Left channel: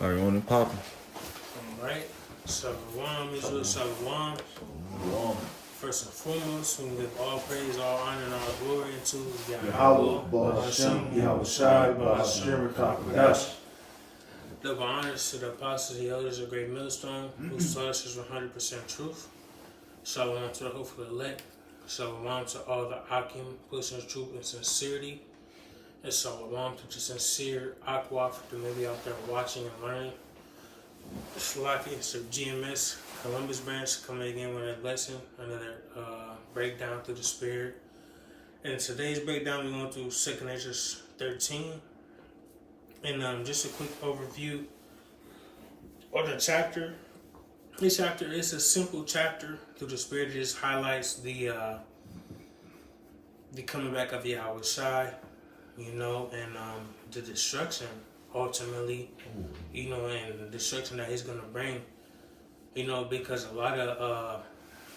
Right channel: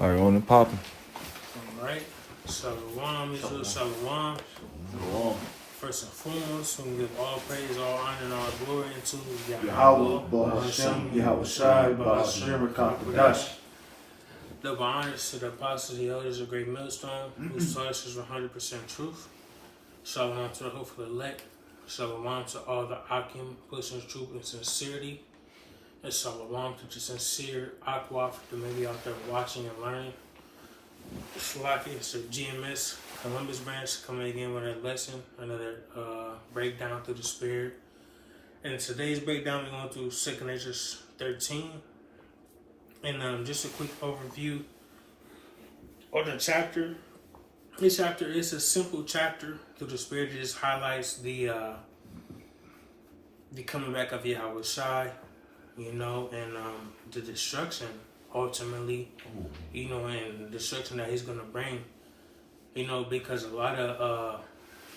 All right, on and popping. Alright, Shalom, Israel, Shalom. First and foremost, we give all praise, all honor, and all glory to Yahweh, Ba'ashem, Yahushai, Ba'ashem, Rakakadash. Double honors to the apostles, the elders of Great Millstone, whose source is 100% truth. Shalom to the hopeful elect. Shalom to all the Akim, pushing truth and sincerity. And shalom to the sincere Aqua for the maybe out there watching and learning. Shalaki, it's the GMS Columbus branch coming again with a lesson, another breakdown through the Spirit. And today's breakdown, we're going through 2 Corinthians 13. And just a quick overview of the chapter. This chapter is a simple chapter through the Spirit. It just highlights the coming back of Yahweh Shai, and the destruction ultimately, and destruction that he's going to bring, because a lot of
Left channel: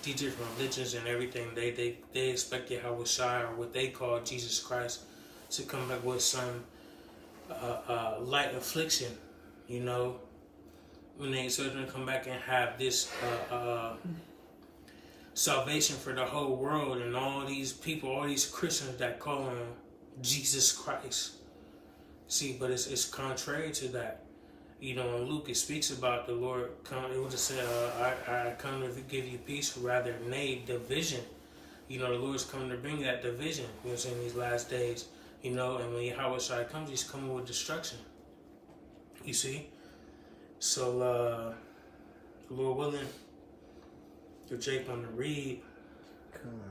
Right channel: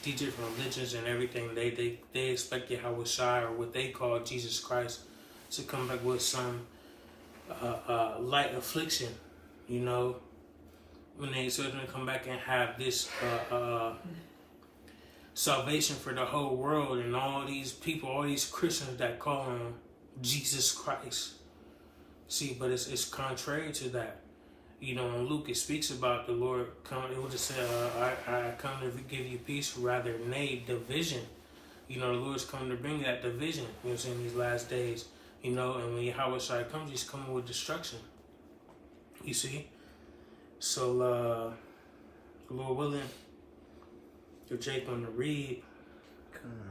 these different religions and everything, they expect Yahweh Shai, or what they call Jesus Christ, to come back with some light affliction, when they sort of come back and have this salvation for the whole world, and all these people, all these Christians that call him Jesus Christ. See, but it's contrary to that. When Luke it speaks about the Lord coming, it would just say, I come to give you peace, rather nay, division. The Lord's coming to bring that division, in these last days. And when Yahweh Shai comes, he's coming with destruction. You see? So, Lord willing, you're Jake on the read.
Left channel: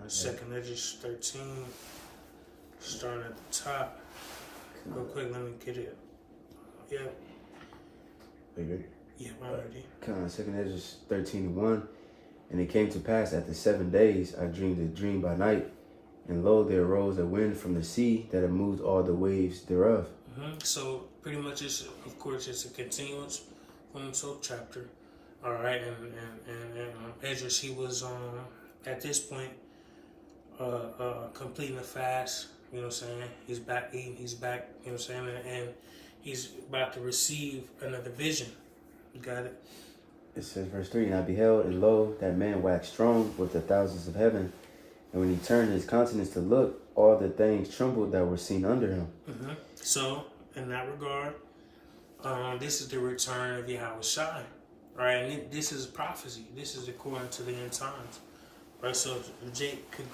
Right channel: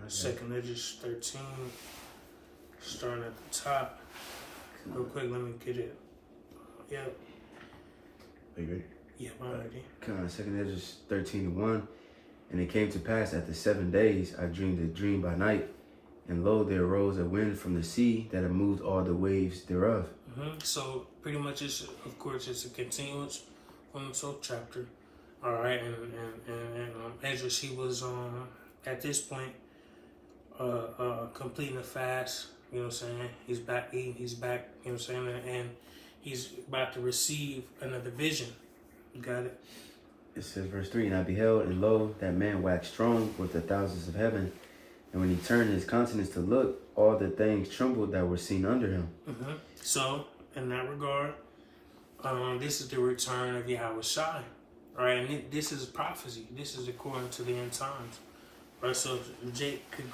2 Corinthians 13, starting at the top. Real quick, let me get it. Yeah. Are you ready? Yeah, I'm ready. 2 Corinthians 13:1. And it came to pass after 7 days, I dreamed a dream by night, and lo, there arose a wind from the sea that had moved all the waves thereof. So pretty much, it's a continuance from the 12th chapter. All right, and Ezra, he was at this point completing the fast. He's back eating. He's back. And he's about to receive another vision. You got it. It says, verse 3, And I beheld, and lo, that man waxed strong with the thousands of heaven. And when he turned his countenance to look, all the things trembled that were seen under him. So, in that regard, this is the return of Yahweh Shai. All right, and this is prophecy. This is according to the end times. All right, so Jake could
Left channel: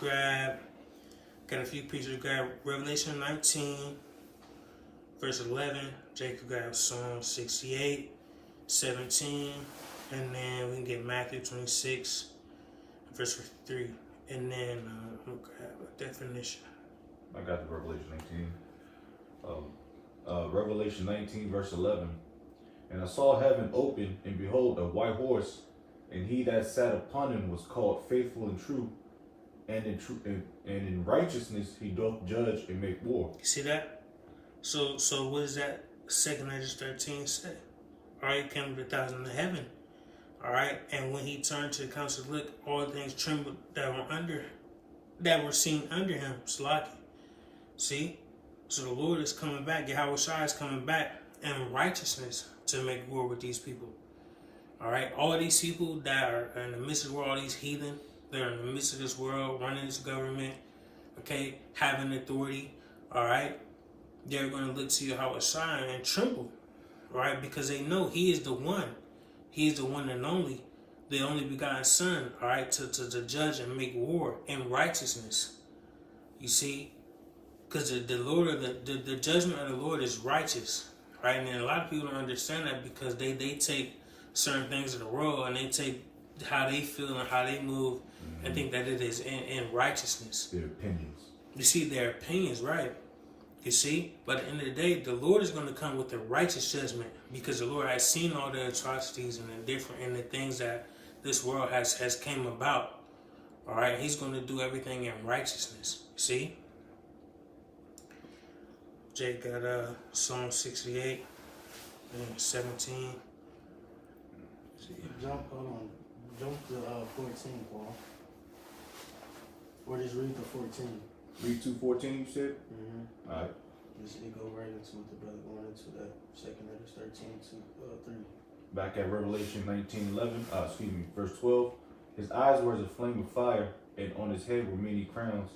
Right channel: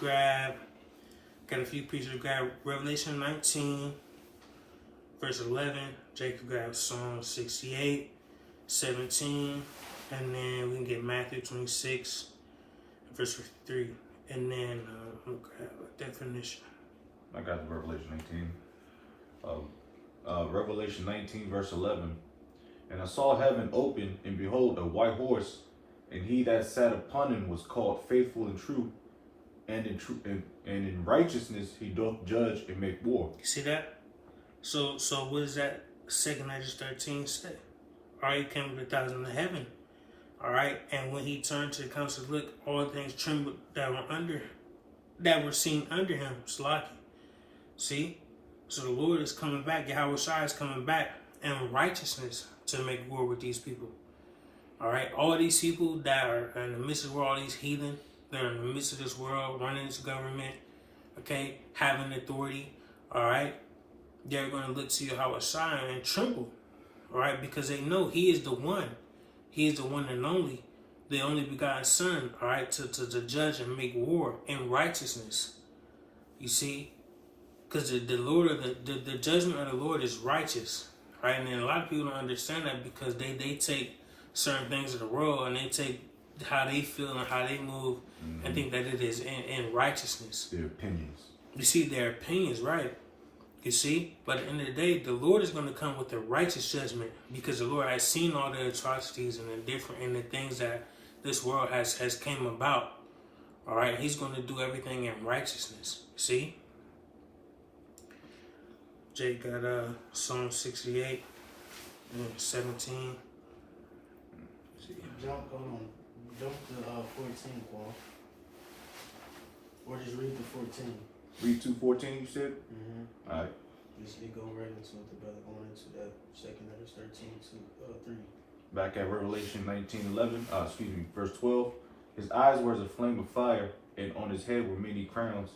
got a few pieces to grab. Revelation 19, verse 11. Jake could grab Psalm 68, 17. And then we can get Matthew 26, verse 3. And then we'll grab a definition. I got the Revelation 19. Revelation 19, verse 11. And I saw heaven open, and behold, a white horse, and he that sat upon him was called Faithful and True, and in righteousness he doth judge and make war. See that? So what does that 2 Corinthians 13 say? All right, he came with 1,000 in heaven. All right, and when he turned to the council, look, all things trembled that were seen under him. Slaki. See? So the Lord is coming back. Yahweh Shai is coming back in righteousness to make war with these people. All right, all these people that are in the midst of the world, all these heathen, they're in the midst of this world, running this government, okay, having authority, all right, they're going to look to Yahweh Shai and tremble, all right, because they know he is the one. He is the one and only begotten Son, all right, to judge and make war in righteousness. You see? Because the Lord, the judgment of the Lord is righteous, right? And then a lot of people don't understand that because they take certain things of the world and they take how they feel and how they move and think that it is in righteousness. Their opinions. You see, their opinions, right? You see? But at the end of the day, the Lord is going to come with the righteous judgment because the Lord has seen all the atrocities and the things that this world has came about. All right? He's going to do everything in righteousness. You see? Jake got Psalm 68, 17. Jump to 14, Paul. Or just read the 14. Read 2:14, you said? Mm-hmm. All right. Just it go right into it, the brother going into that 2nd Letters 13 to 3. Back at Revelation 19:11, verse 12. His eyes were as a flame of fire, and on his head were many crowns.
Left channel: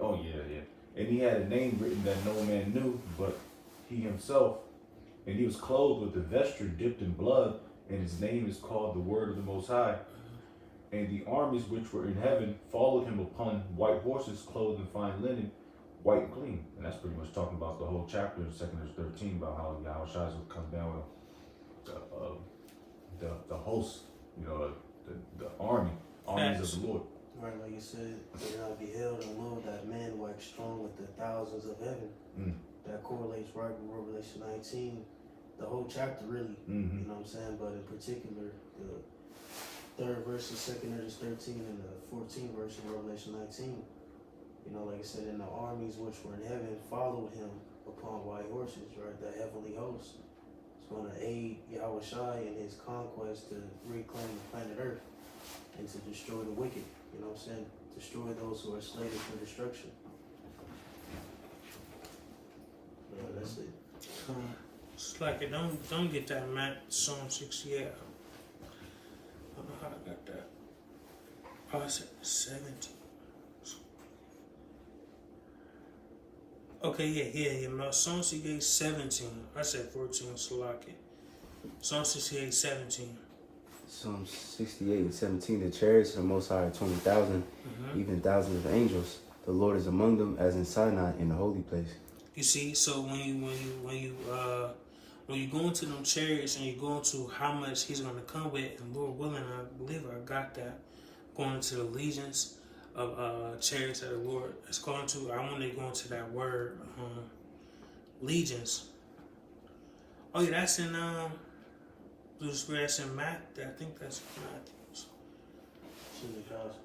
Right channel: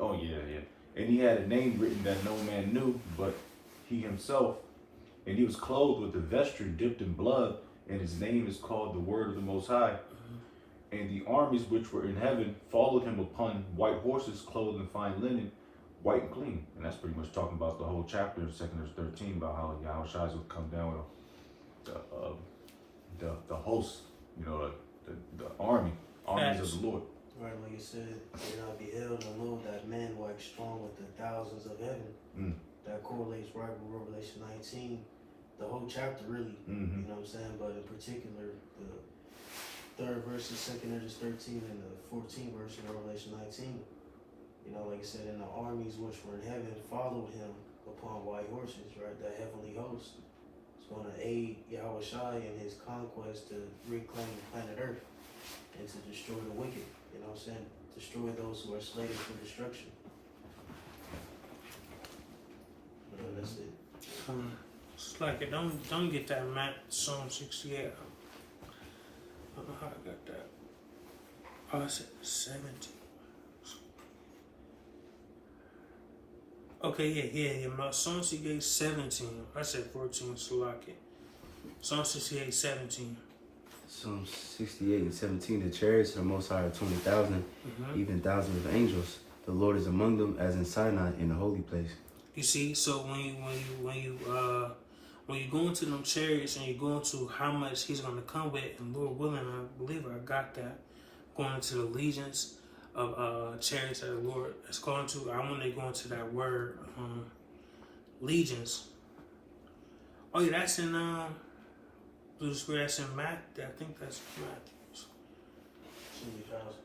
Oh yeah. And he had a name written that no man knew, but he himself. And he was clothed with a vesture dipped in blood, and his name is called the Word of the Most High. And the armies which were in heaven followed him upon white horses, clothed in fine linen, white and clean. And that's pretty much talking about the whole chapter of 2nd 13 about how Yahushua would come down with the host, the armies of the Lord. Right, like it said, and I beheld and lo, that man waxed strong with the thousands of heaven. That correlates right with Revelation 19, the whole chapter really. You know what I'm saying? But in particular, the 3rd verse of 2nd Letters 13 and the 14th verse of Revelation 19. Like I said, and the armies which were in heaven followed him upon white horses, right? That heavenly host is going to aid Yahushua in his conquest to reclaim planet Earth and to destroy the wicked. You know what I'm saying? Destroy those who are slated for destruction. That's it. It's like it don't get that Psalm 68. I don't know how I got that. Oh, I said 17. Okay, yeah. Psalm 68, 17. I said 14, Salaki. Psalm 68, 17. Psalm 68, 17. The chariots of the Most High are 20,000, even thousands of angels. The Lord is among them, as in Sinai, in the holy place. You see, so when you go into them chariots and you go into how much He's going to come with, and Lord willing, I believe I got that. Going into the legions of chariots that the Lord is calling to. I want to go into that word, legions. Oh yeah, that's in that's in Matthew. I think that's in Matthew. 70,000.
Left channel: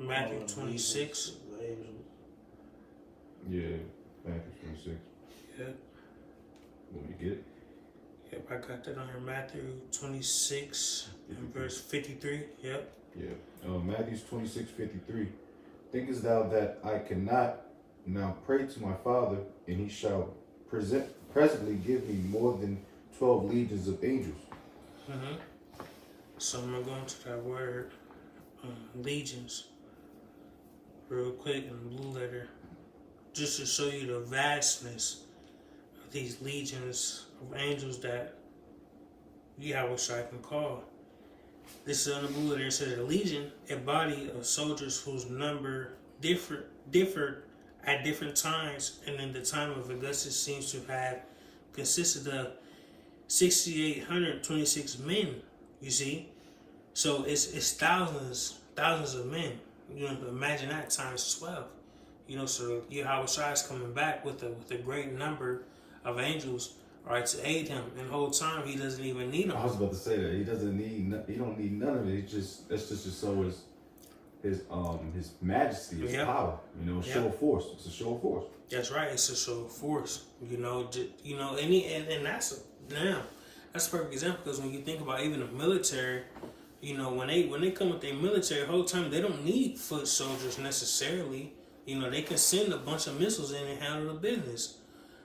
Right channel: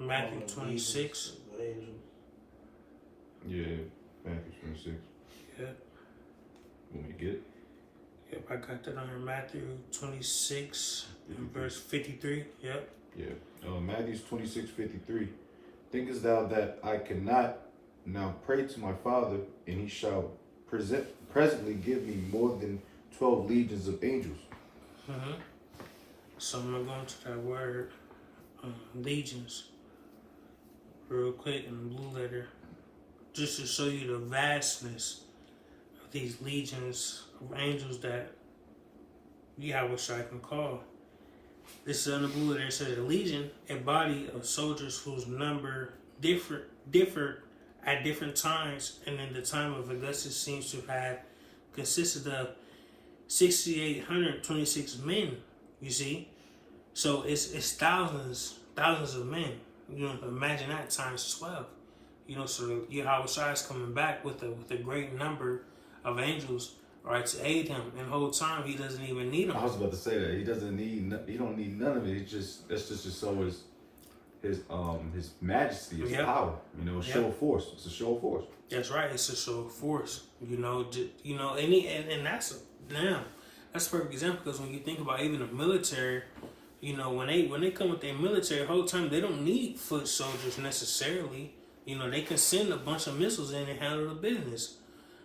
Matthew 26. Yeah, Matthew 26. Yep. Want me to get it? Yep, I got that on here. Matthew 26 and verse 53. Yep. Yeah. Matthew 26:53. Thinkest thou that I cannot now pray to my Father, and he shall presently give me more than 12 legions of angels? So I'm going to go into that word, legions, real quick in the blue letter, just to show you the vastness of these legions of angels that Yahweh can call. This is in the blue letter. It says a legion, a body of soldiers whose number differed at different times, and in the time of Augustus seems to have consisted of 6,826 men. You see, so it's thousands of men. Imagine that times 12. So Yahweh is coming back with a great number of angels, right, to aid him. And the whole time he doesn't even need them. I was about to say that he don't need none of it. That's just to show his majesty, his power. Show of force. It's a show of force. That's right. It's a show of force. And that's a perfect example, because when you think about even the military, when they come with their military, the whole time they don't need foot soldiers necessarily. They can send a bunch of missiles in and handle the business.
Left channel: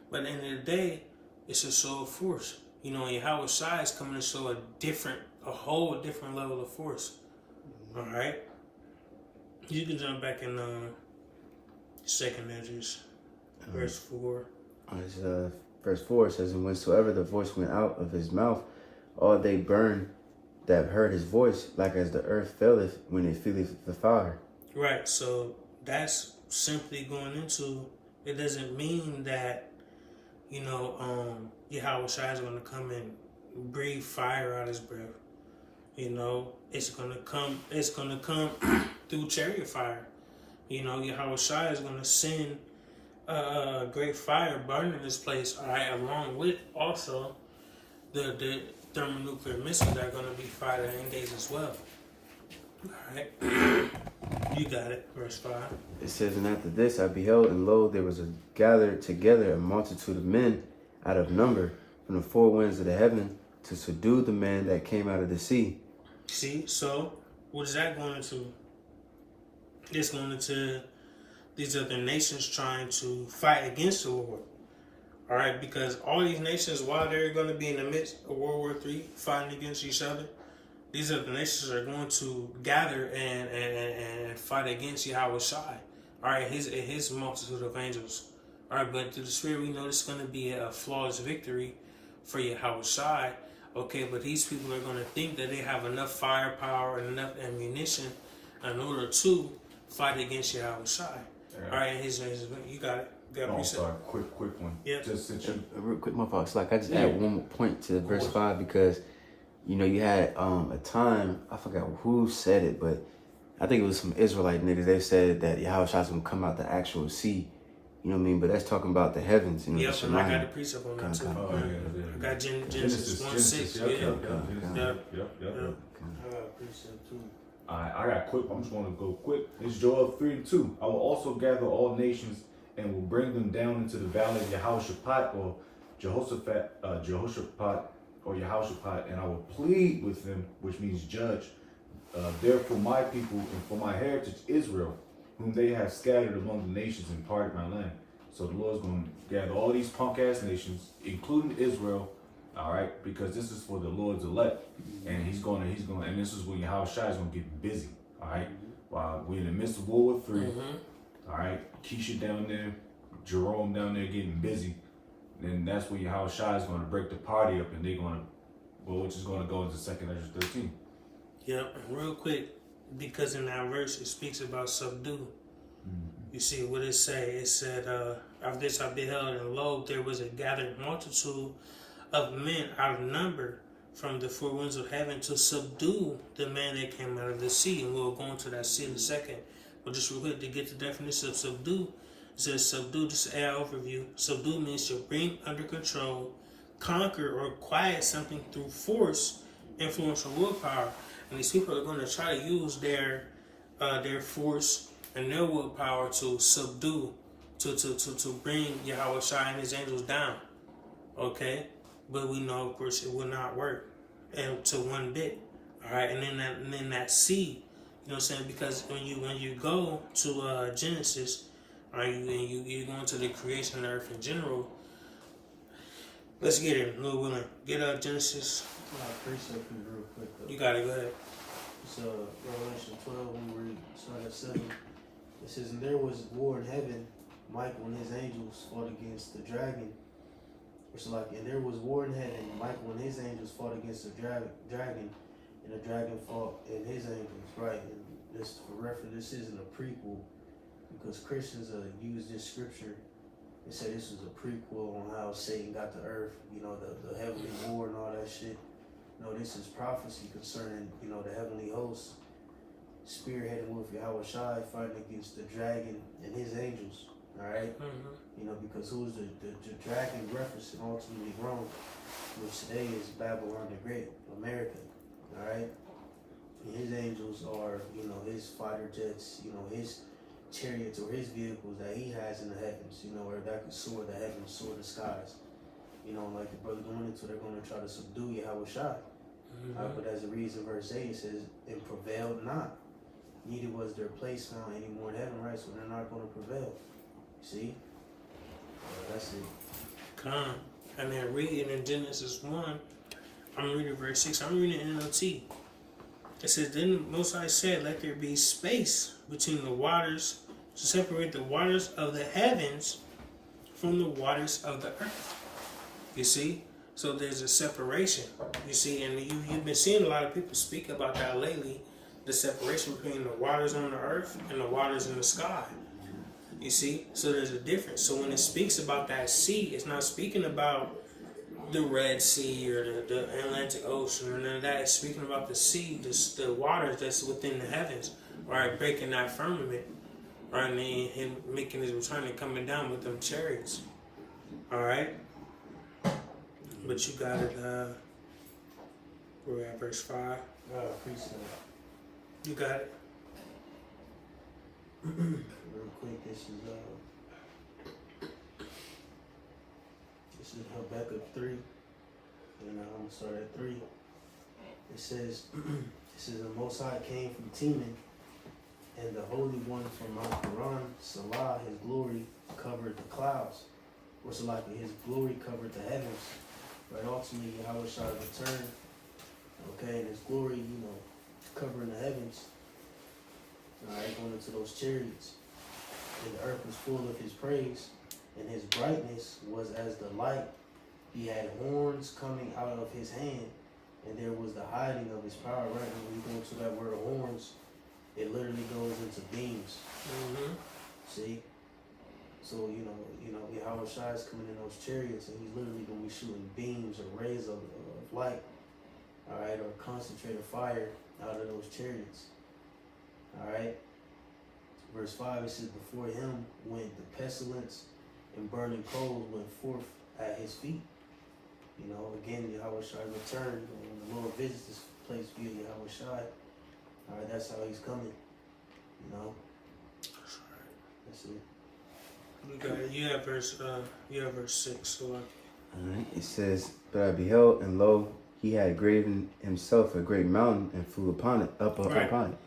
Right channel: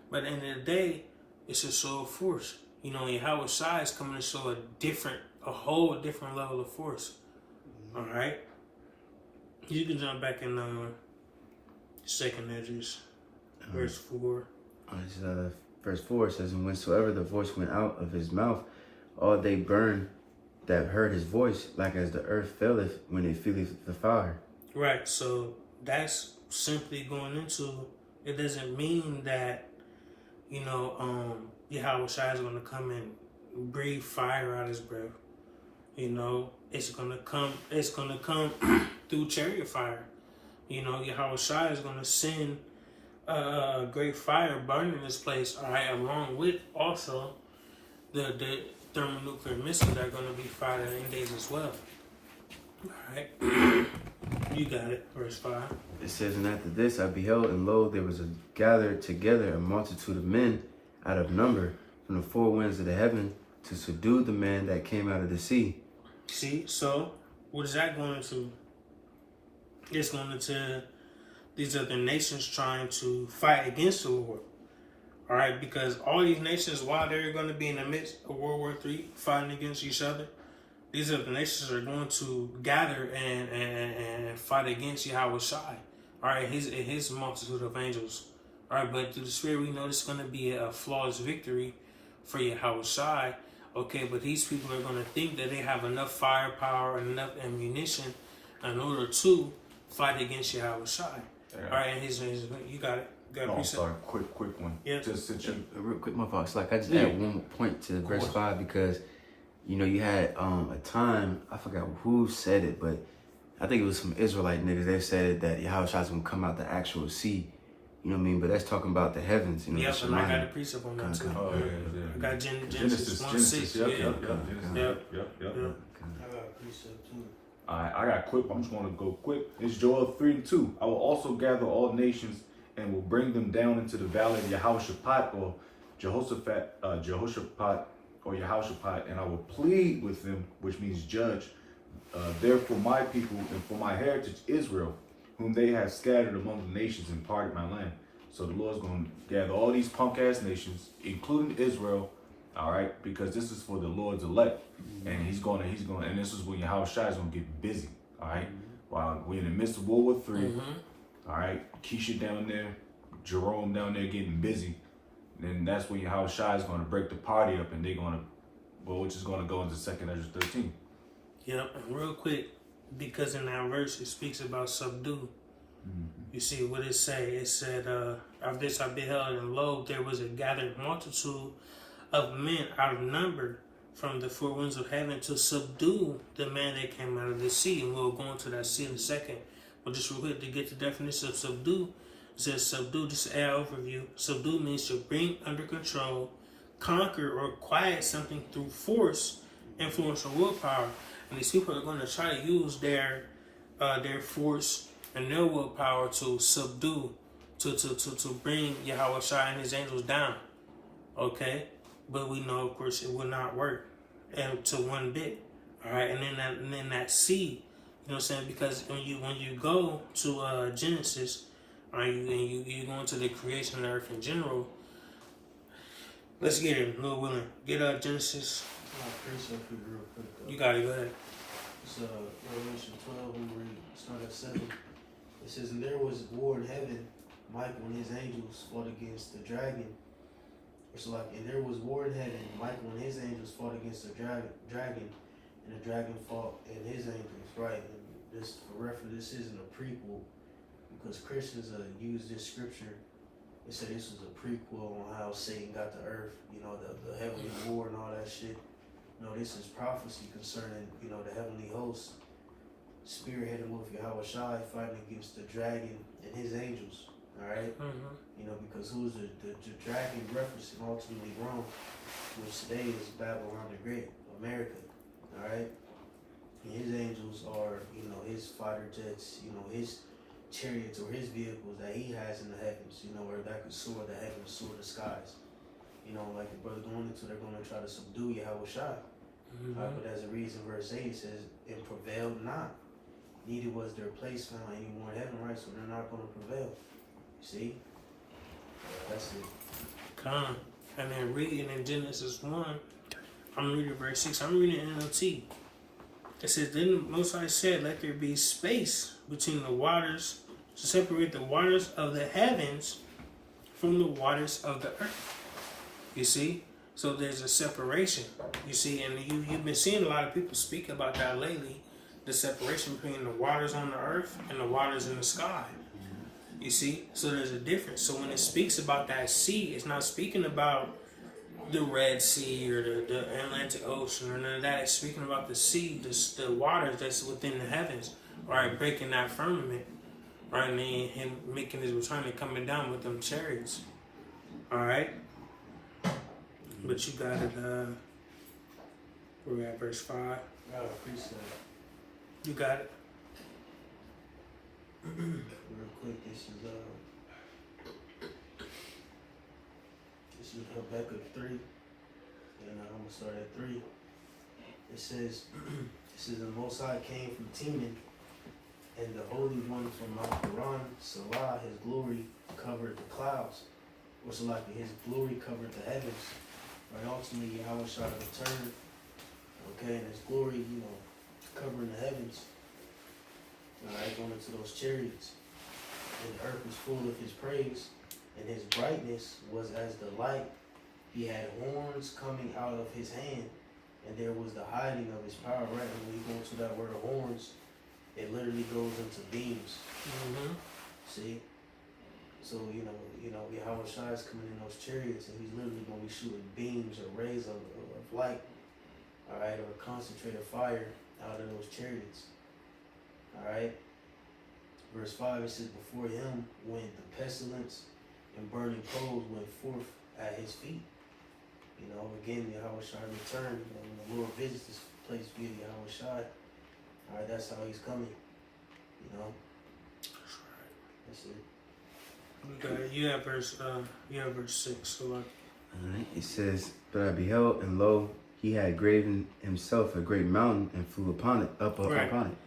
But at the end of the day, it's a show of force. And Yahweh Shai is coming to show a whole different level of force. All right. You can jump back in 2nd Letters, verse 4. Verse 4 says, and whensoever the voice went out of his mouth, all they burned that heard his voice, like as the earth faileth when it feeleth the fire. Right, so that's simply going into, it doesn't mean that, Yahweh Shai is going to come and breathe fire out his breath. It's gonna come through chariot fire. Yahweh Shai is gonna send a great fire burning this place, all right, along with also the thermonuclear missiles that are gonna be fired at days as well. All right, you got it. Verse 5. It says, and after this I beheld, and lo, there was gathered together a multitude of men out of number from the four winds of the heaven to subdue the man that came out of the sea. See, so what is that going to? It's going to these other nations trying to fight against the Lord. All right, because all these nations, while they're going to be in the midst of World War III, fighting against each other, these other nations are going to gather and fight against Yahweh Shai. All right, his multitude of angels. All right, but through the Spirit, we know it's going to be a flawless victory for Yahweh Shai. Okay, but these people are going to think that they have enough firepower and enough ammunition in order to fight against Yahweh Shai. Yeah. All right, you got it. Oh, sorry, quick one. Yeah. Just since you, A real quick, my fault. So, like, I just Yeah. add one more point to verse 5 because, you know, you had a time, I forgot who said it, but I think it was some Israelite niggas. They said that Yahweh Shai's gonna come out the actual sea. You know what I mean? But that's talking about the heavens. You know, Yep, the and I got Shemaim. the precept on that too. oh yeah. I got Genesis 1:6. Yep. Yeah. I got a precept too. Alright, I got quick. I'm just going to go quick. It's Joel 3:2. I will also gather all nations and will bring them down into the valley of Jehoshaphat or Jehoshaphat, or Jehoshaphat, and I will plead with them, which means judge. Therefore, my people and for my heritage Israel, whom they have scattered among the nations and parted my land. So the Lord's going to gather all these punk ass nations, including Israel. All right, because this is for the Lord's elect, and he's gonna, and this is when Yahweh Shai is gonna get busy. All right, while we're in the midst of World War III. All right, Keisha down there, Jerome down there getting busy. Then that's when Yahweh Shai is gonna break the party up, and they're gonna, which is gonna go into 2nd Ezra 13. Yeah, and real quick, because in that verse it speaks about subdue. You see what it say? It said, "Of this I beheld, and lo, there was a gathered multitude of men out of number from the four winds of heaven to subdue the man that came out of the sea." And we'll go into that sea in a second. But just real quick to get the definition of subdue, it says subdue, just an overview. Subdue means to bring under control, conquer, or quiet something through force, influence, or willpower. And these people are going to try to use their force and their willpower to subdue, to bring Yahweh Shai and his angels down. Okay? But we know, of course, it will not work, and to one bit. All right, and then that sea, you know what I'm saying? Because when you go to Genesis, all right, you go into the creation of the earth in general. Let's get it, Lord willing. Get up Genesis. I got a precept for you real quick though. You got it. Go ahead. It's Revelation 12. We read start at 7. It says, "And there was war in heaven. Michael and his angels fought against the dragon." It's like, and there was war in heaven. Michael and his angels fought against the dragon, and the dragon fought and his angels. Right. And this, for reference, this isn't a prequel, because Christians use this scripture and say this was a prequel on how Satan got the earth. You know, the heavenly war and all that shit. No, this is prophecy concerning, you know, the heavenly hosts spearheaded with Yahweh Shai fighting against the dragon and his angels. All right. You know, because who's the dragon referencing ultimately Rome, which today is Babylon the Great, America. All right. And his angels are, you know, his fighter jets, you know, his chariots or his vehicles that he has in the heavens, you know, or that could soar the heavens, soar the skies. You know, like the brother going into, they're going to try to subdue Yahweh Shai. But as a reason, verse 8, it says, "And prevailed not, neither was their place found any more in heaven," right? So they're not going to prevail. See? That's it. Come. And then reading in Genesis 1, I'm reading verse 6. I'm reading NLT. It says, "Then the Most High said, let there be space between the waters to separate the waters of the heavens from the waters of the earth." You see? So there's a separation. You see, and you've been seeing a lot of people speak about that lately, the separation between the waters on the earth and the waters in the sky. You see? So there's a difference. So when it speaks about that sea, it's not speaking about the Red Sea or the Atlantic Ocean or none of that. It's speaking about the sea, the waters that's within the heavens, right? Breaking that firmament, right? And him making his return and coming down with them chariots. All right? But you got it, we're at verse 5. I appreciate it. You got it. Real quick, this is Habakkuk 3, and I'm gonna start at 3. It says, "The Most High came from Teman, And the Holy One from Mount Paran, Salah, his glory covered the clouds. Or Salah, his glory covered the heavens. Right, ultimately, Yahweh shall return. Okay, and his glory, covering the heavens. Alright, going into those chariots. And the earth was full of his praise. And his brightness was as the light. He had horns coming out of his hand. And there was the hiding of his power. Right, when we go into that word horns, it literally goes into beams. Mm-hmm. See? So, Yahweh Shai is coming in those chariots, and he's literally going to be shooting beams or rays of light, all right, or concentrated fire out of those chariots, all right? Verse 5, it says, before him went the pestilence, and burning coals went forth at his feet. Again, Yahweh Shai returned. When the Lord visits this place via Yahweh Shai, all right, that's how he's coming, That's it. You have verse 6. So Alright, it says, but I beheld, and lo, he had graven himself a great mountain and flew upon it, upon it.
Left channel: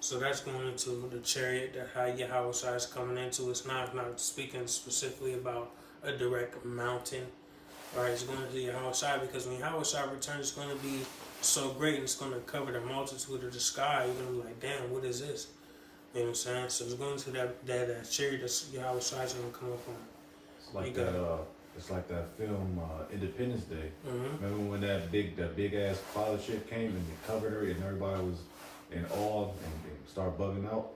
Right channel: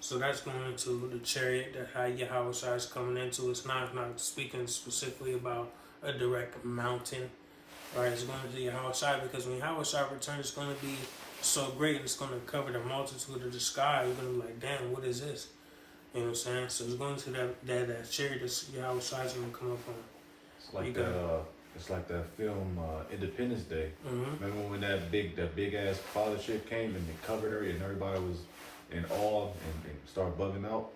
So that's going into the chariot that how Yahweh Shai is coming into. It's not speaking specifically about a direct mountain. Alright, it's going to Yahweh Shai because when Yahweh Shai returns, it's going to be so great and it's going to cover the multitude of the sky. You're going to be like, damn, what is this? You know what I'm saying? So it's going to that chariot that Yahweh Shai is going to come up on. It's like that. It's like that film Independence Day. Mm-hmm. Remember when that big ass pilot ship came and they covered her and everybody was in awe and started bugging out.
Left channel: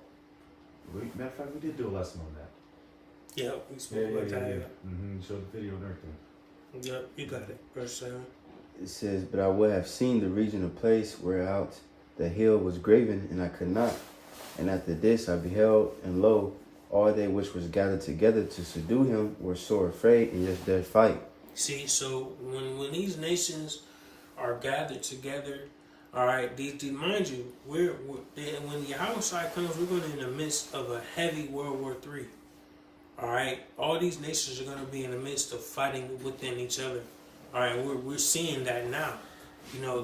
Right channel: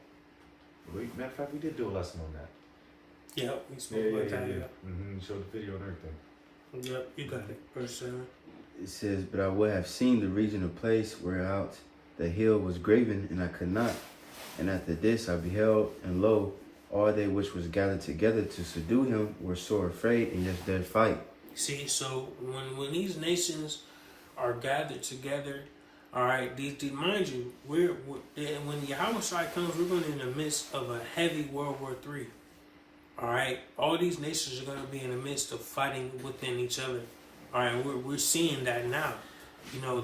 Matter of fact, we did do a lesson on that. Yeah, we spoke about that. Mm-hmm. Showed the video and everything. Yep, you got it. Verse 7. It says, but I would have seen the region of place whereout the hill was graven, and I could not. And after this I beheld, and lo, all they which was gathered together to subdue him were sore afraid, and yet did fight. See, so when these nations are gathered together, all right, mind you, when Yahweh Shai comes, we're going to be in the midst of a heavy World War III. All right, all these nations are going to be in the midst of fighting within each other. All right, we're seeing that now.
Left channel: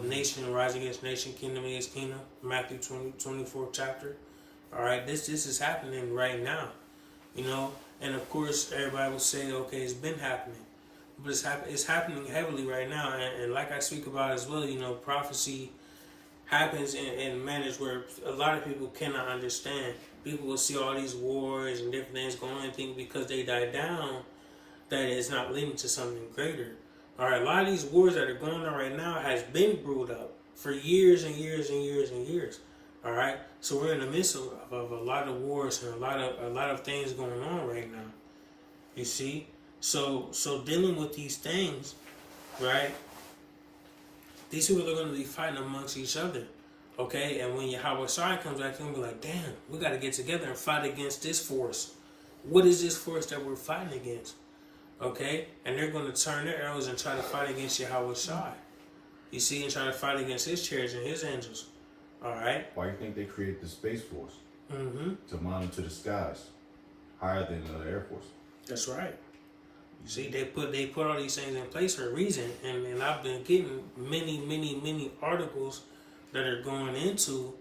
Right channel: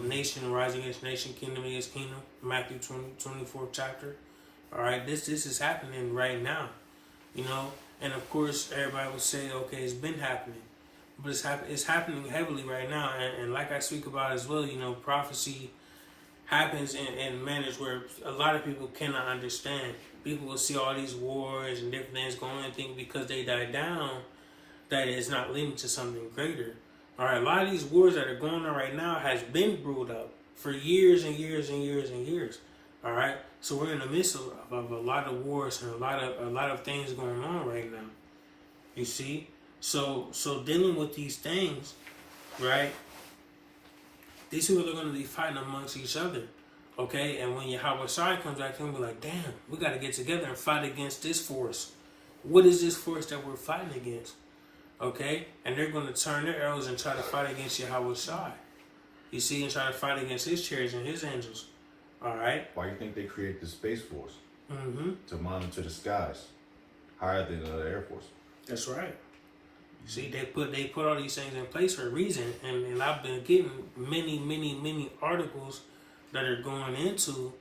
Nation rising against nation, kingdom against kingdom. Matthew 24th chapter. All right, this is happening right now. And of course everybody will say, okay, it's been happening, but it's happening heavily right now. And like I speak about as well, prophecy happens in manners where a lot of people cannot understand. People will see all these wars and different things going on and think because they die down that it's not leading to something greater. All right, a lot of these wars that are going on right now has been brewed up for years and years and years and years. All right, so we're in the midst of a lot of wars and a lot of things going on right now. You see, so dealing with these things, right? These people are going to be fighting amongst each other, okay? And when Yahweh Shai comes back, they're going to be like, damn, we got to get together and fight against this force. What is this force that we're fighting against? Okay? And they're going to turn their arrows and try to fight against Yahweh Shai. You see, and try to fight against his chariots and his angels. All right? Why do you think they created the Space Force? Mm-hmm. To monitor the skies higher than the Air Force. That's right. See, they put all these things in place for a reason, and I've been getting many articles that are going into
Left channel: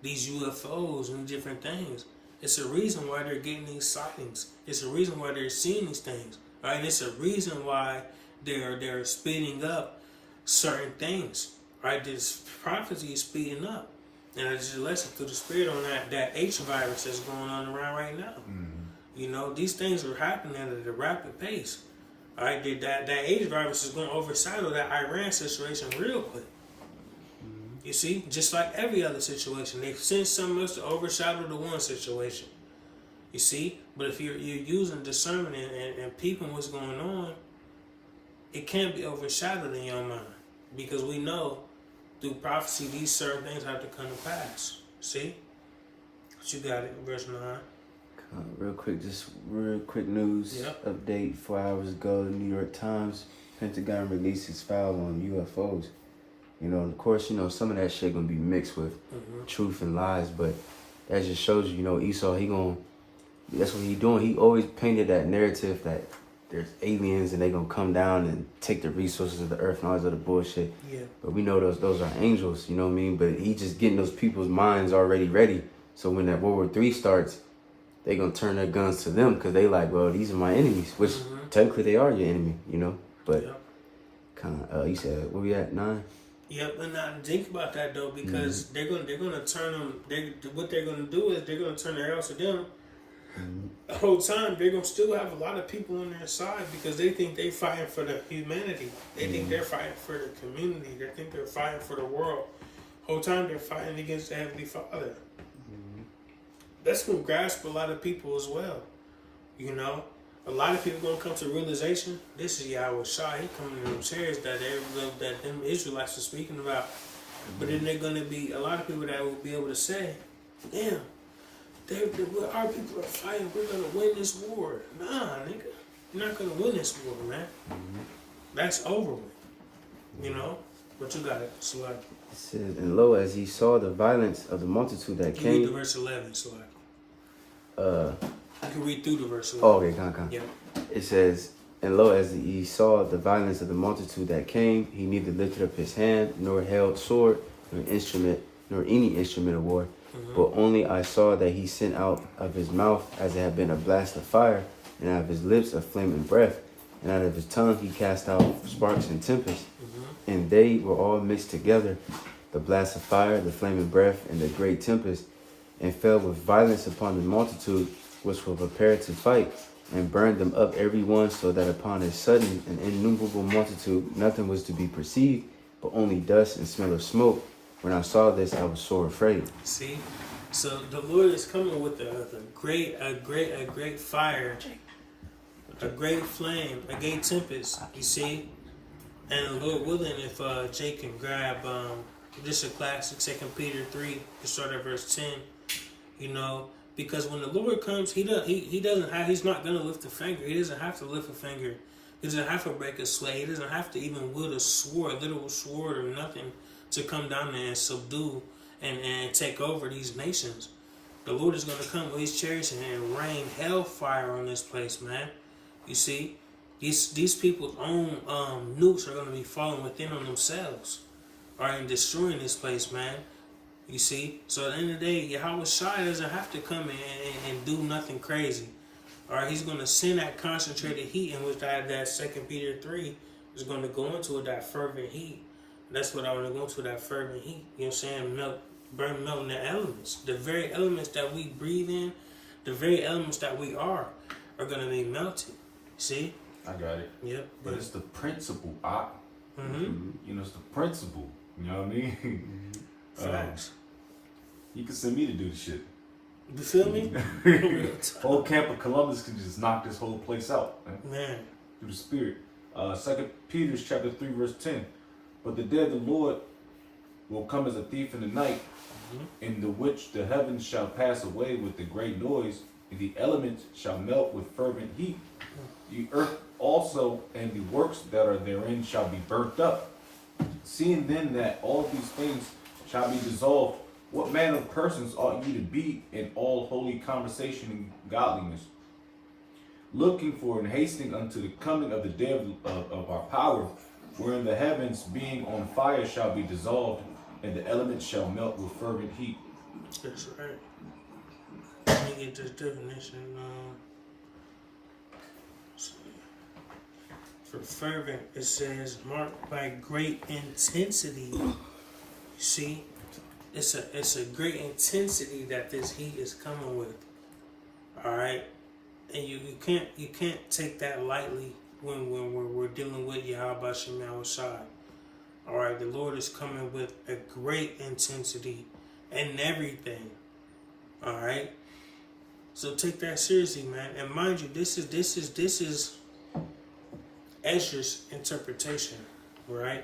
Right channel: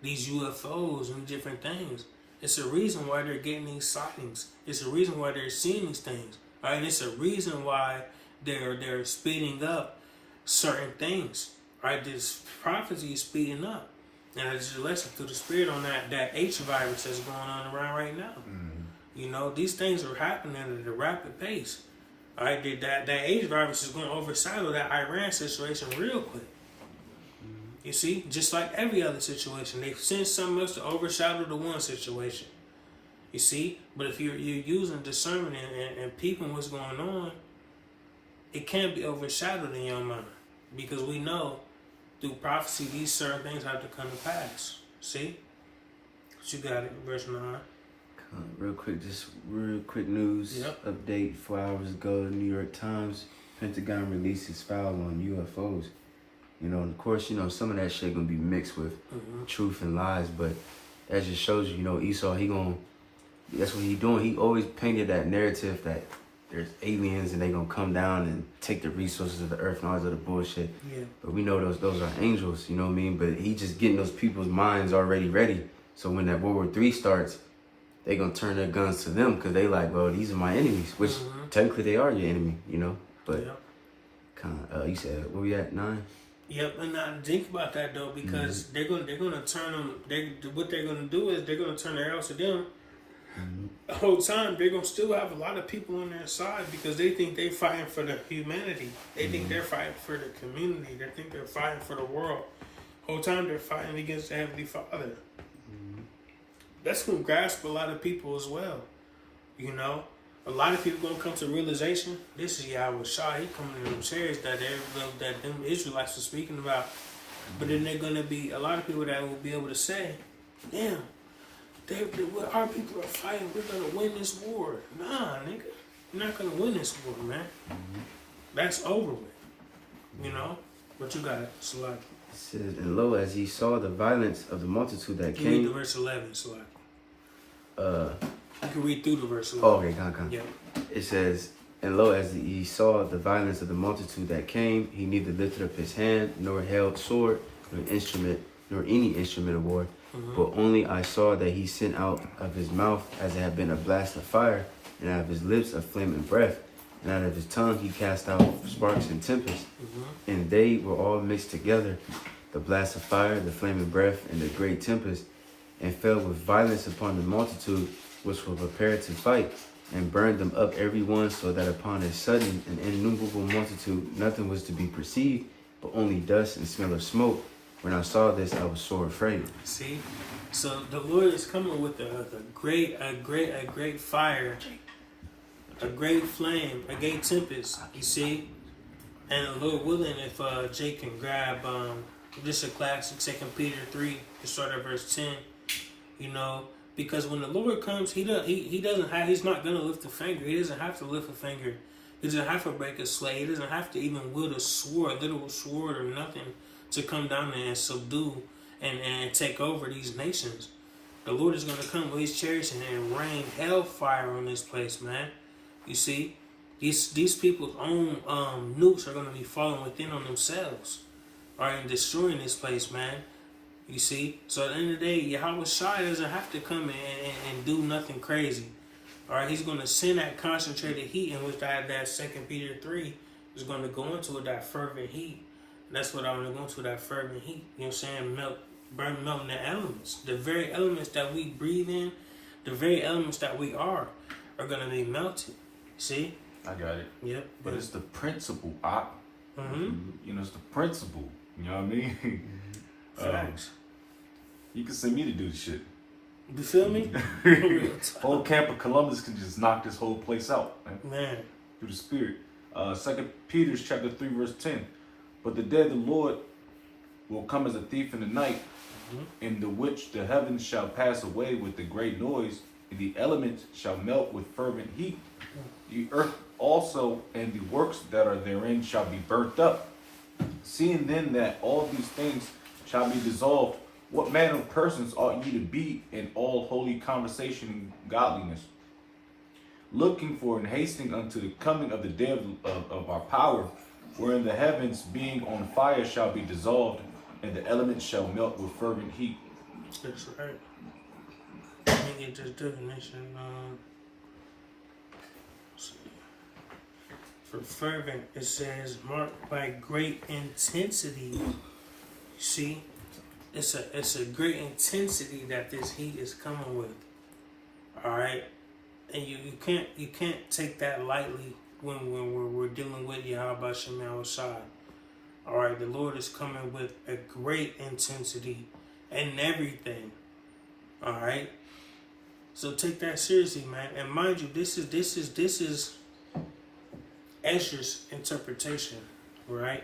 these UFOs and different things. It's a reason why they're getting these sightings. It's a reason why they're seeing these things. Right? It's a reason why they're speeding up certain things. Right? This prophecy is speeding up. And I just listened to the spirit on that H virus that's going on around right now. Mm-hmm. These things are happening at a rapid pace. All right, that H virus is going to overshadow that Iran situation real quick. Mm-hmm. You see, just like every other situation, they send something else to overshadow the one situation. You see, but if you're using discernment and peeping what's going on, it can't be overshadowed in your mind because we know through prophecy these certain things have to come to pass. See, but you got it, verse 9. Real quick news update. 4 hours ago, the New York Times, Pentagon released its file on UFOs. Of course, some of that shit gonna be mixed with truth and lies, but that just shows you, Esau, that's what he doing. He always painted that narrative that there's aliens and they gonna come down and take the resources of the earth and all this other bullshit. Yeah. But we know those are angels, you know what I mean? But he just getting those people's minds already ready So when that World War III starts, they gonna turn their guns to them because they like, well, these are my enemies, which technically they are your enemy, you know. But kind of, you said where we at 9? Yep, and now think about that though, because they're gonna turn them. What they're gonna do is they're gonna turn their arrows to them. The whole time they're gonna still have a lot of people on their side because they think they're fighting for the humanity. They think they're fighting for the community. They think they're fighting for the world. Whole time they're fighting against the Heavenly Father. That's gonna grasp a lot of people as well. You know, a lot of people gonna come to the realization this is Yahweh Shah. He coming to them chairs that them Israelites are speaking about. But then they're gonna be a lot of people that will be able to say, "Damn, our people are fighting. We're gonna win this war." Nah, nigga, you're not gonna win this war, man. That's over with. You know, but you gotta select. It says, and lo, as he saw the violence of the multitude that You came. read the verse 11, Select. You can read through the verse 11. Oh, okay, come. Yep. It says, and lo, as he saw the violence of the multitude that came, he neither lifted up his hand, nor held sword, nor any instrument of war. But only I saw that he sent out of his mouth as it had been a blast of fire, and out of his lips a flaming breath, and out of his tongue he cast out sparks and tempests. And they were all mixed together, the blast of fire, the flaming breath, and the great tempest, and fell with violence upon the multitude which were prepared to fight, and burned them up every one, so that upon a sudden and innumerable multitude nothing was to be perceived, but only dust and smell of smoke. When I saw this, I was sore afraid. See, so the Lord is coming with a great fire, a great flame, a great tempest. You see, and the Lord willing, if Jake can grab this is a classic 2 Peter 3, to start at verse 10. You know, because when the Lord comes, he's not gonna lift a finger. He doesn't have to lift a finger. He doesn't have to break a slate. He doesn't have to even wield a sword, a literal sword or nothing, to come down there and subdue and take over these nations. The Lord is going to come with his chariots and rain hellfire on this place, man. You see, these people's own nukes are going to be falling within on themselves, and destroying this place, man. You see, so at the end of the day, Yahweh Shai doesn't have to come and do nothing crazy. All right, he's going to send that concentrated heat in which that 2 Peter 3 is going to go into that fervent heat. That's what I want to go into, that fervent heat. You know what I'm saying? Melting the elements. The very elements that we breathe in, the very elements that we are going to be melted. See? I got it. Yep. But it's the principle, Mm-hmm. You know, it's the principle. You know what I mean? Facts. You can send me to do the shit. You feel me? Whole camp of Columbus can just knock this whole place out, Man. Through the Spirit. 2 Peter chapter 3, verse 10. But the day of the Lord will come as a thief in the night, in the which the heavens shall pass away with a great noise, and the elements shall melt with fervent heat. The earth also and the works that are therein shall be burnt up. Seeing then that all these things shall be dissolved, what manner of persons ought ye to be in all holy conversation and godliness, looking for and hastening unto the coming of the day of our power, wherein the heavens being on fire shall be dissolved, and the elements shall melt with fervent heat. That's right. Let me get this definition. For fervent, it says marked by great intensity. You see, it's a great intensity that this heat is coming with. All right, and you can't take that lightly when we're dealing with Yahweh Shem Shai. All right, the Lord is coming with a great intensity and everything. All right, so take that seriously, man. And mind you, this is Ezra's interpretation, right?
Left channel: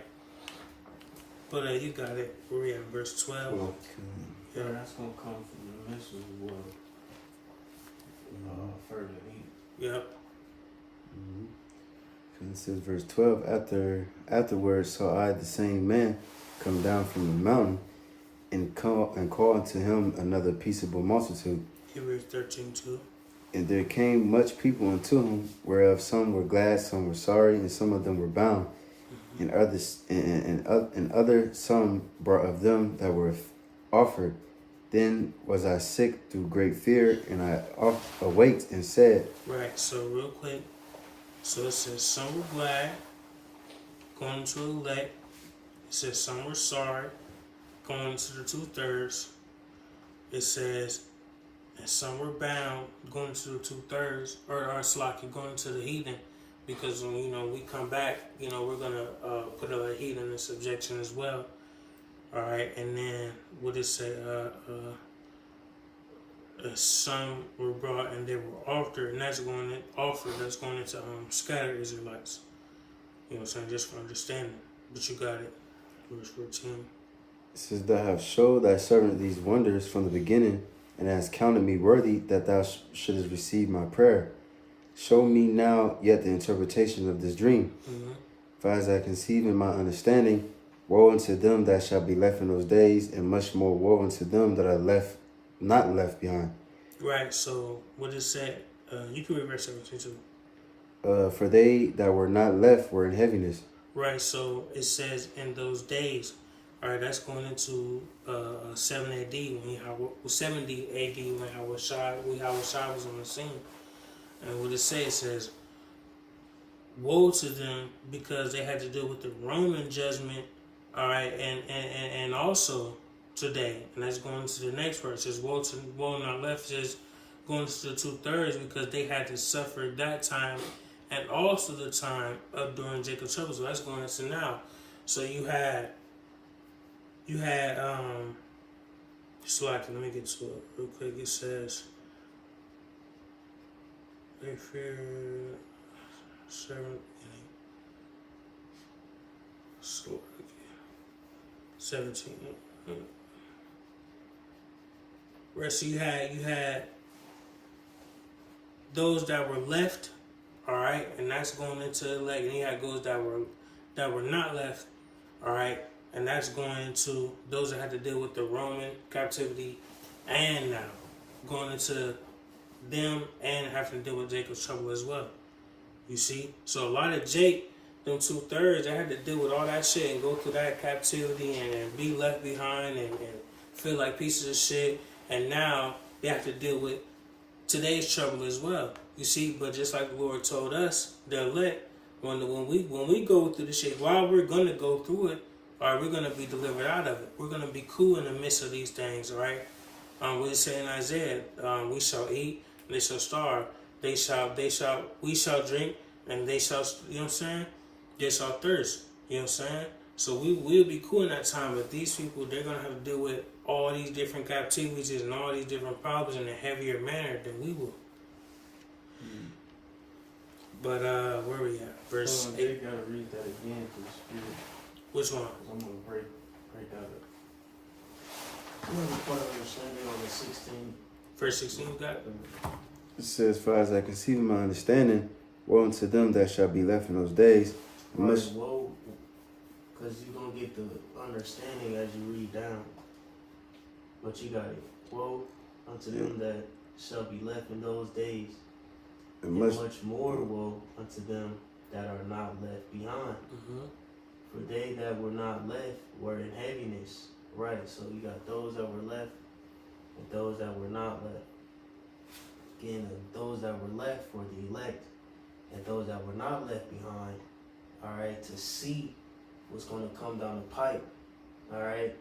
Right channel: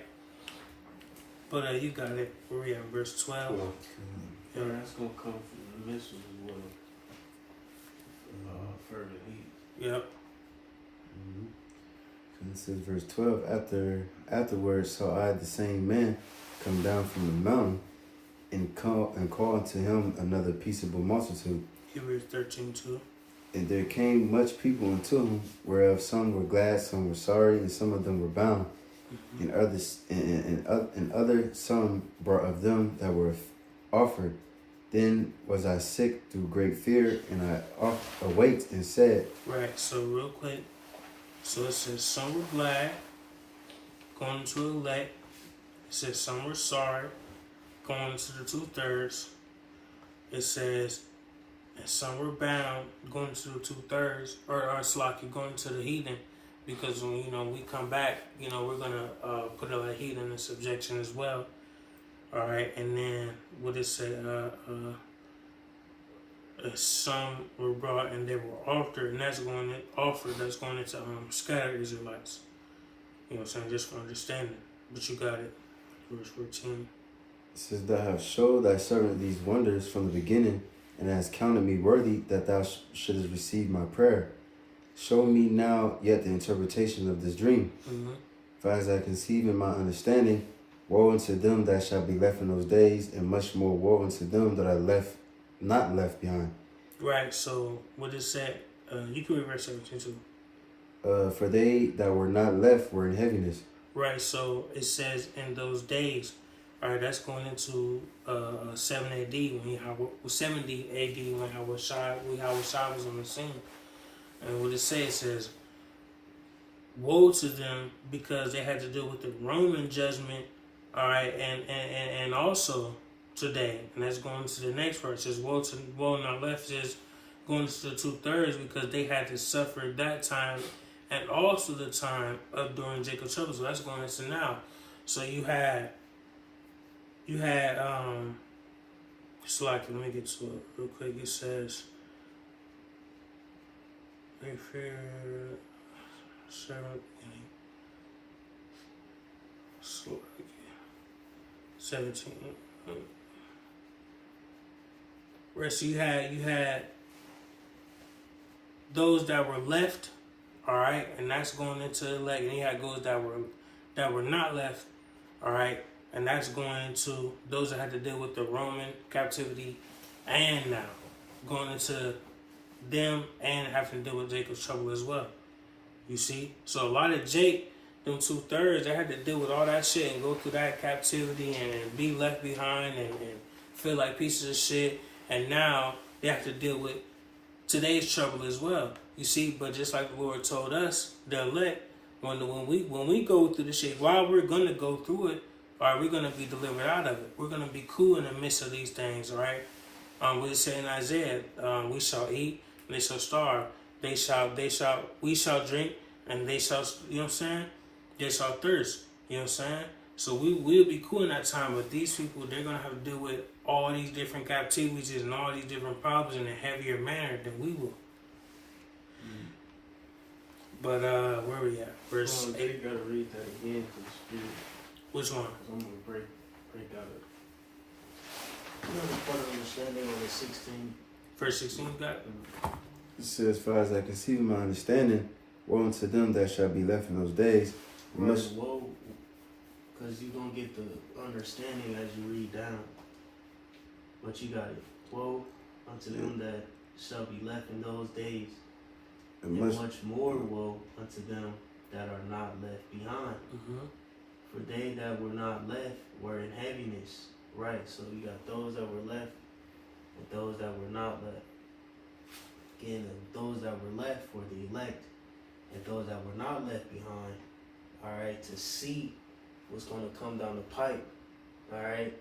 But you got it. We're at verse 12. Cool. Yeah, that's gonna come from the mission as well. Fervent heat. Yep. It says verse 12, afterwards saw I the same man come down from the mountain and call unto him another peaceable multitude. Hebrews 13:2. And there came much people unto him, whereof some were glad, some were sorry, and some of them were bound. And others, and other some brought of them that were offered, Then was I sick through great fear, and I awaked and said, Right, so real quick. So it says some were glad, going to elect. It says some were sorry, going to the 2/3. It says, and some were bound, going to the 2/3, or Slaki, going to the heathen, because when we come back, we're gonna put other heathen in subjection as well. All right, and then what it said, some were brought and they were offered, and that's going into scattered Israelites. You know what I'm saying? Just for understanding. But you got it. Verse 14. it says, Thou hast showed thy servant these wonders from the beginning, and hast counted me worthy that thou shouldest receive my prayer. Show me now yet the interpretation of this dream. Mm-hmm. For as I conceive in my understanding, woe unto them that shall be left in those days, and much more woe unto them that are not left behind. Right, so what it said, you can read verse 17 too. For they that were not left were in heaviness. Right, so it says in those days. All right, that's going into 7 AD when 70 AD when Hawashai was on the scene. And what it says, woe to them because they had to deal with the Roman judgment. All right, and also today, and that's going to the next verse. It says woe not left. It says going to the 2/3 because they had to suffer that time, and also the time of during Jacob's trouble. So that's going into now. So you had so like, let me get to it real quick. It says, if you're 17. Right, so you had those that were left, all right, and that's going into elect, and you had those that were not left, all right, and that's going into those that had to deal with the Roman captivity, and now going into them and having to deal with Jacob's trouble as well. You see, so a lot of Jake, them 2/3, they had to deal with all that shit and go through that captivity and be left behind and feel like pieces of shit. And now they have to deal with today's trouble as well. You see, but just like the Lord told us, the elect, when we go through the shit, while we're gonna go through it, all right, we're gonna be delivered out of it. We're gonna be cool in the midst of these things, all right. We say in Isaiah, we shall eat and they shall starve. We shall drink and they shall, you know what I'm saying? They shall thirst, you know what I'm saying? So we'll be cool in that time, but these people, they're gonna have to deal with all these different captivities and all these different problems in a heavier manner than we will. But where we at? Verse 8. You gotta read that again to the spirit. Which one? I'm gonna break that up. You know the part of understanding on the 16. Verse 16, you got it? It says, For as I conceive in my understanding, woe unto them that shall be left in those days. Woe, because you're gonna get the understanding as you read down. But you got it. Woe unto them that shall be left in those days, and much more woe unto them that are not left behind. Mm-hmm. For they that were not left were in heaviness. Right, so you got those that were left and those that were not left. Again, those that were left were the elect, and those that were not left behind, all right, to see what's going to come down the pipe, all right,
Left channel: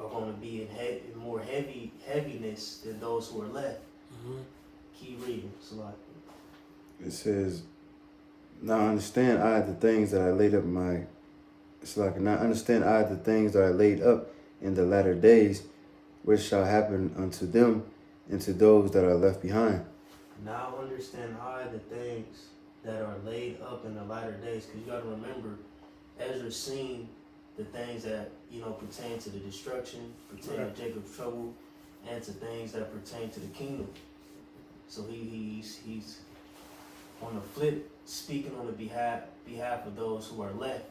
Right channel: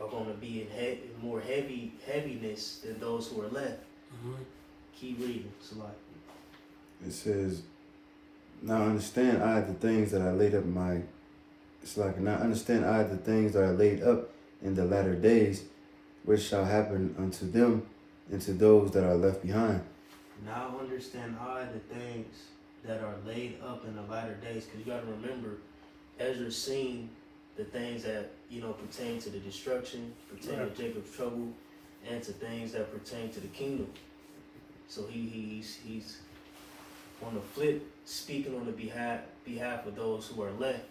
are going to be in more heaviness than those who are left. Mm-hmm. Keep reading, Salaki. It says, Now understand I the things that I laid up now understand I the things that I laid up in the latter days, which shall happen unto them and to those that are left behind. Now understand I the things that are laid up in the latter days, because you got to remember, Ezra's seen the things that pertain to the destruction, pertain to Jacob's trouble, and to things that pertain to the kingdom. So he's on the flip speaking on the behalf of those who are left,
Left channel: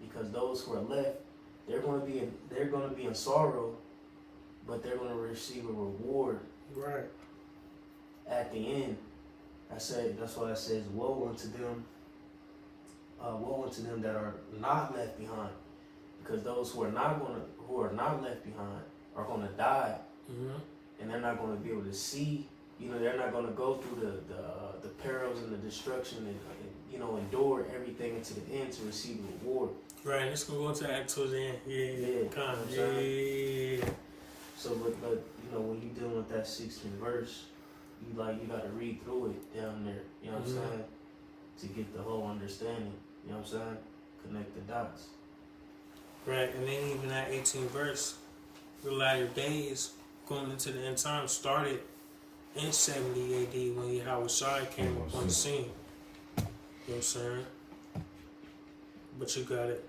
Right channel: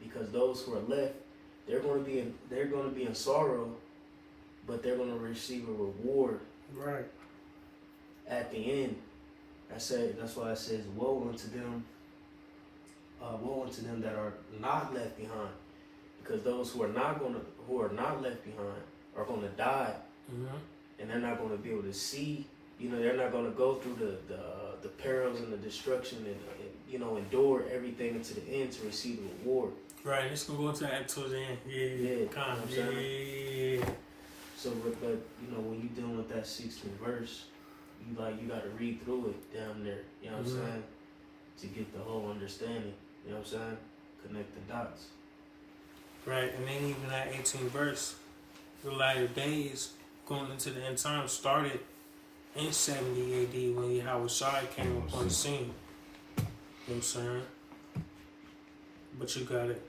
because those who are left, they're going to be in sorrow, but they're going to receive a reward. Right. At the end. That's why it says, woe unto them that are not left behind, because those who are not left behind are going to die and they're not going to be able to see. You know, they're not going to go through the perils and the destruction and you know, endure everything unto the end to receive the reward. Right, let's go to that towards the end. Yeah, Kind of. you know what I'm Yeah. So, but you know, when you're dealing with that 16th verse, you got to read through it down there. You know what I'm saying? To get the whole understanding. You know what I'm saying? Connect the dots. Right, and then even that 18th verse, the latter days going into the end time started in 70 AD when Yahushua came on the scene. You know what I'm saying? But you got it.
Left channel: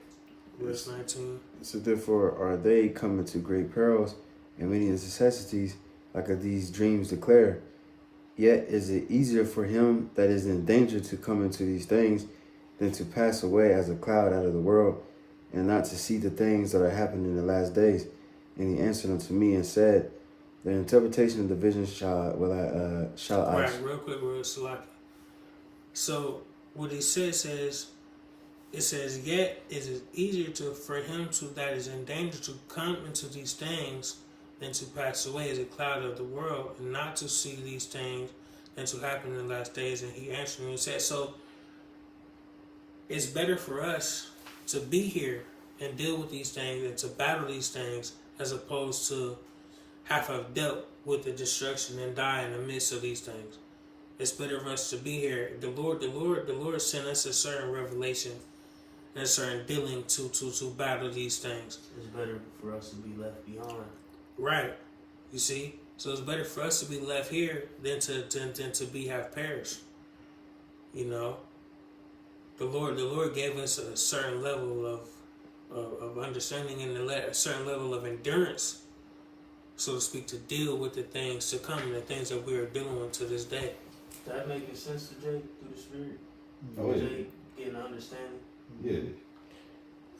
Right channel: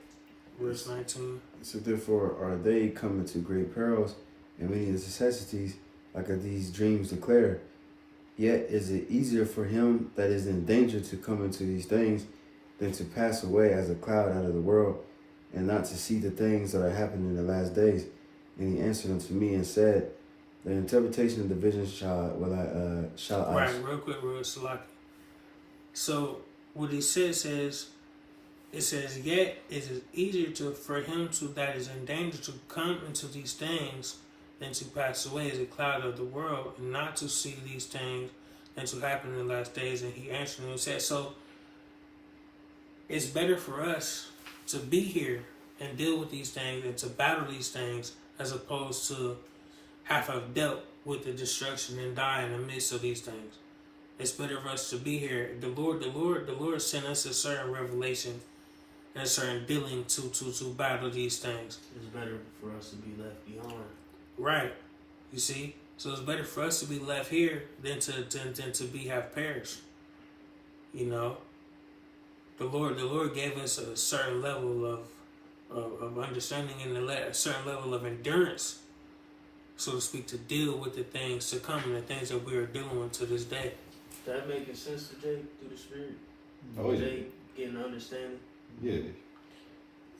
Verse 19. So therefore are they coming to great perils and many necessities, like these dreams declare. Yet is it easier for him that is in danger to come into these things than to pass away as a cloud out of the world, and not to see the things that are happening in the last days. And he answered unto me and said, the interpretation of the vision shall I. Right, real quick, real select. So what he says is, it says, yet is it easier for him that is in danger to come into these things than to pass away as a cloud of the world, and not to see these things than to happen in the last days. And he answered and said, so it's better for us to be here and deal with these things and to battle these things as opposed to have dealt with the destruction and die in the midst of these things. It's better for us to be here. The Lord sent us a certain revelation and a certain dealing to battle these things. It's better for us to be left behind. Right. You see? So it's better for us to be left here than to be have perished. You know? The Lord gave us a certain level of understanding and a certain level of endurance, so to speak, to deal with the things to come and the things that we are dealing with to this day. That making sense to Jay through the Spirit? Oh, yeah. Jay getting understanding? Yeah.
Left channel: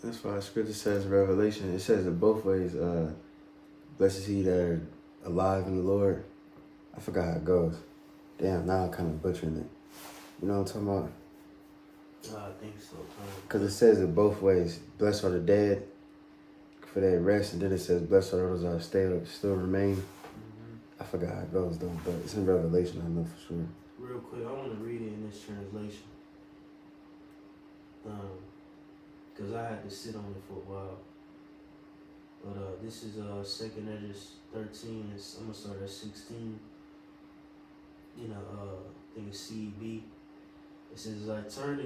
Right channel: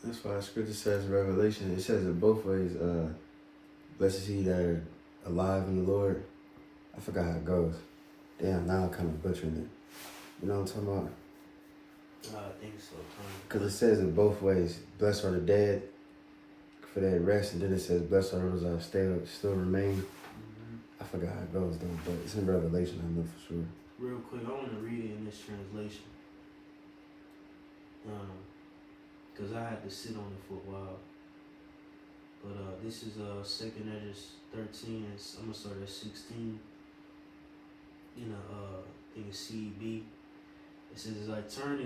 That's why scripture says Revelation. It says it both ways. Blessed is he that are alive in the Lord. I forgot how it goes. Damn, now I'm kind of butchering it. You know what I'm talking about? I think so. Because it says it both ways. Blessed are the dead for their rest, and then it says blessed are those that still remain. I forgot how it goes though, but it's in Revelation, I know for sure. Real quick, I want to read it in this translation. Because I had to sit on it for a while. But this is 2nd Ezra 13, and I'm going to start at 16. You know, I think it's CEB. It says, as I turned it